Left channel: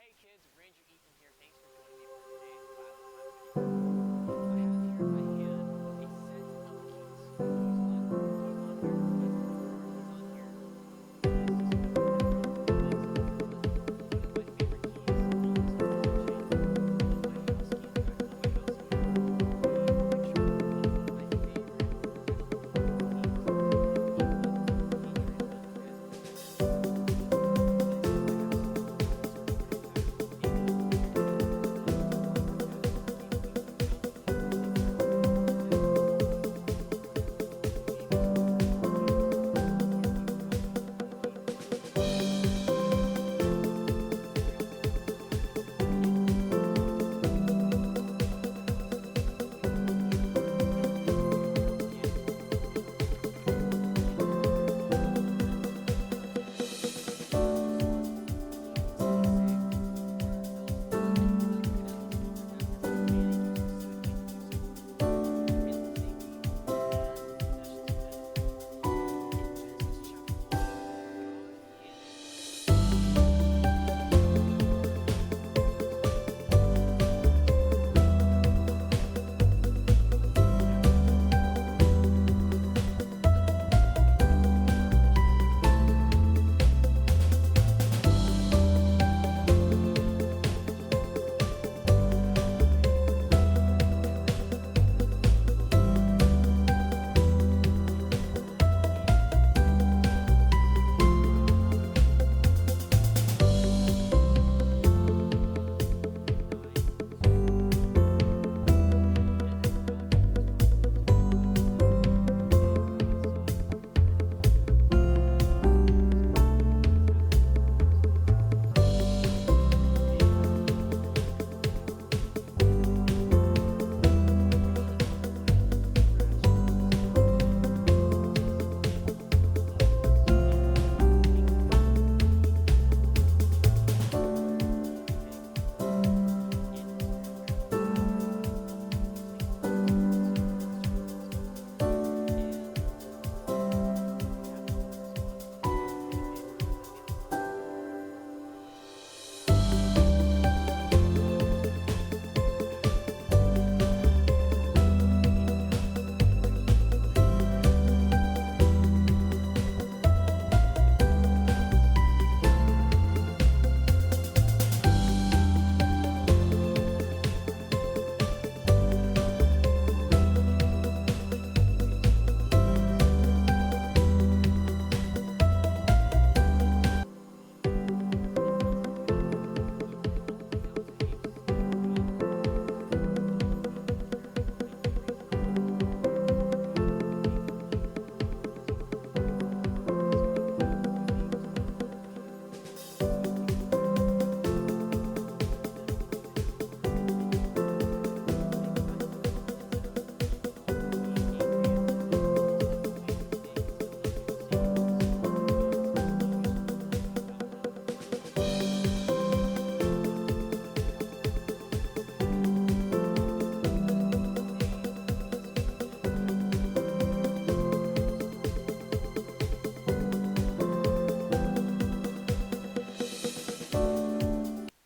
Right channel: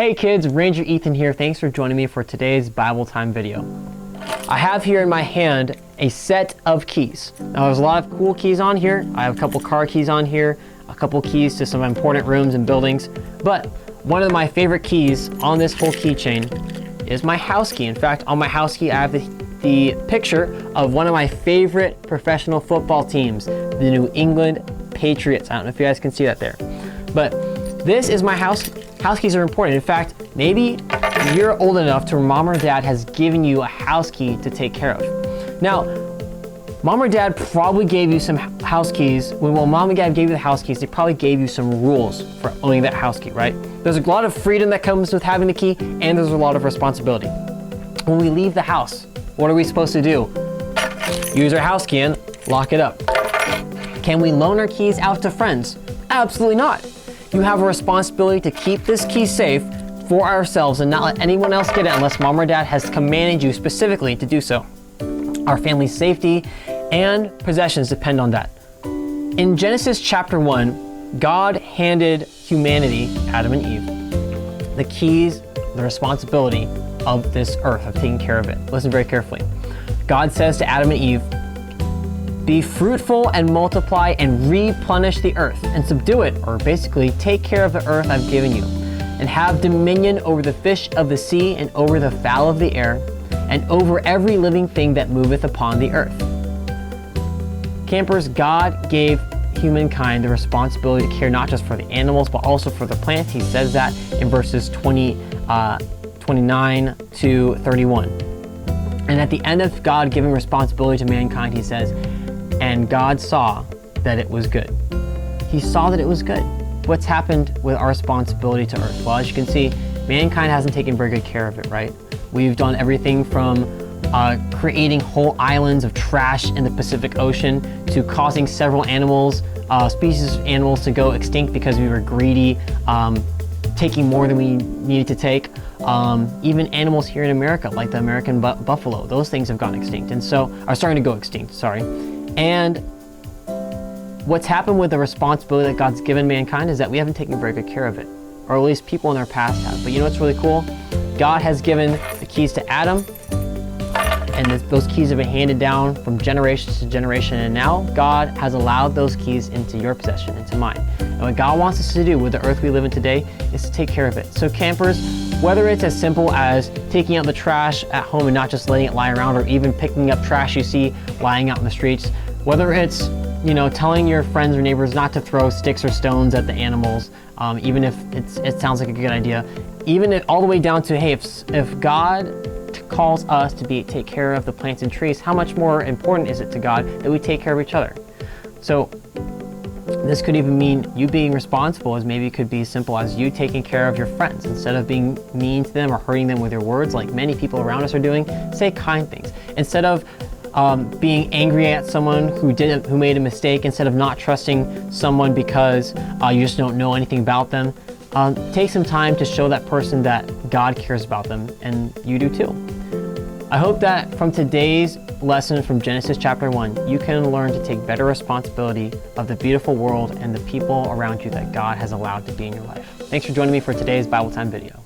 Hey kids, Ranger Ethan here. Thanks for joining me for today's Bible time video. I have here in my hand a set of keys. Now there's a lot of cool keys on here. I have a couple car keys on here, a couple keys to some important rooms and buildings, but one of my favorite keys on this whole keychain is my house key. In fact, on my house key, I have the picture of one of my favorite professional football teams, the New England Patriots. I don't know if you guys can see that there, but this is my house key. House keys are important. In fact, maybe you're old enough to where mom or dad has given you a house key to take care of. Now, mom or dad probably gave you some house keys. When mom and dad gave you the house keys, they probably gave you some rules for owning that house key, right? There's a lot of freedom that comes with having the key, and there's a lot of responsibility. When we leave the house, what are we supposed to do? Use our house key and lock it up. Can we loan our keys out to friends? Absolutely not. You have a responsibility to keep this key safe for ourselves and not let anyone else get it unless mom or dad has commanded you specifically to do so. Our family's safety and possessions depend on that. In Genesis chapter 1, God handed humanity, Adam and Eve, the keys, the responsibility of this earth, of taking care of it. Listen very carefully. God says to Adam and Eve, "Be fruitful and multiply and replenish the earth and subdue it," or basically take care of the earth I've given you, "and have dominion over the fish of the sea and over the fowl of the air and over every living thing that moveth upon the earth." Campers, God gave humankind the responsibility to care not just for the animals but also for the plants. He says that in verses 29 to 31. And at the end of God giving responsibility to mankind, he says, "And God saw that it was good." He saw that it was good. What's happened with our responsibility to earth? Well, as you can see, mankind hasn't taken very good care of it, right? We've done everything from creating whole islands of trash in the Pacific Ocean to causing several animals, species of animals to go extinct because we were greedy, taking more than we needed to take. Even animals here in America, like the American buffalo, those things have gone extinct and so are starting to go extinct, sorry. And what's happened with the responsibility that God's given mankind is that we haven't taken very good care of it, or at least people in our past have. But you know what's really cool? God has given the keys to Adam, and those keys have been handed down from generation to generation, and now God has allowed those keys into your possession, into mine. And what God wants us to do with the earth we live in today is to take care of it. So campers, whether it's as simple as taking out the trash at home and not just letting it lie around, or even picking up trash you see lying out in the streets, whether it's, telling your friends or neighbors not to throw sticks or stones at the animals, even if it sounds like a good idea, all the way down to, hey, if God calls us to take care of the plants and trees, how much more important is it to God that we take care of each other? So this could even mean you being responsible, as maybe it could be as simple as you taking care of your friends. Instead of being mean to them or hurting them with your words like many people around us are doing, say kind things. Instead of being angry at someone who made a mistake, instead of not trusting someone because you just don't know anything about them, take some time to show that person that God cares about them, and you do too. I hope that from today's lesson from Genesis chapter 1, you can learn to take better responsibility of the beautiful world and the people around you that God has allowed to be in your life. Thanks for joining me for today's Bible Time video.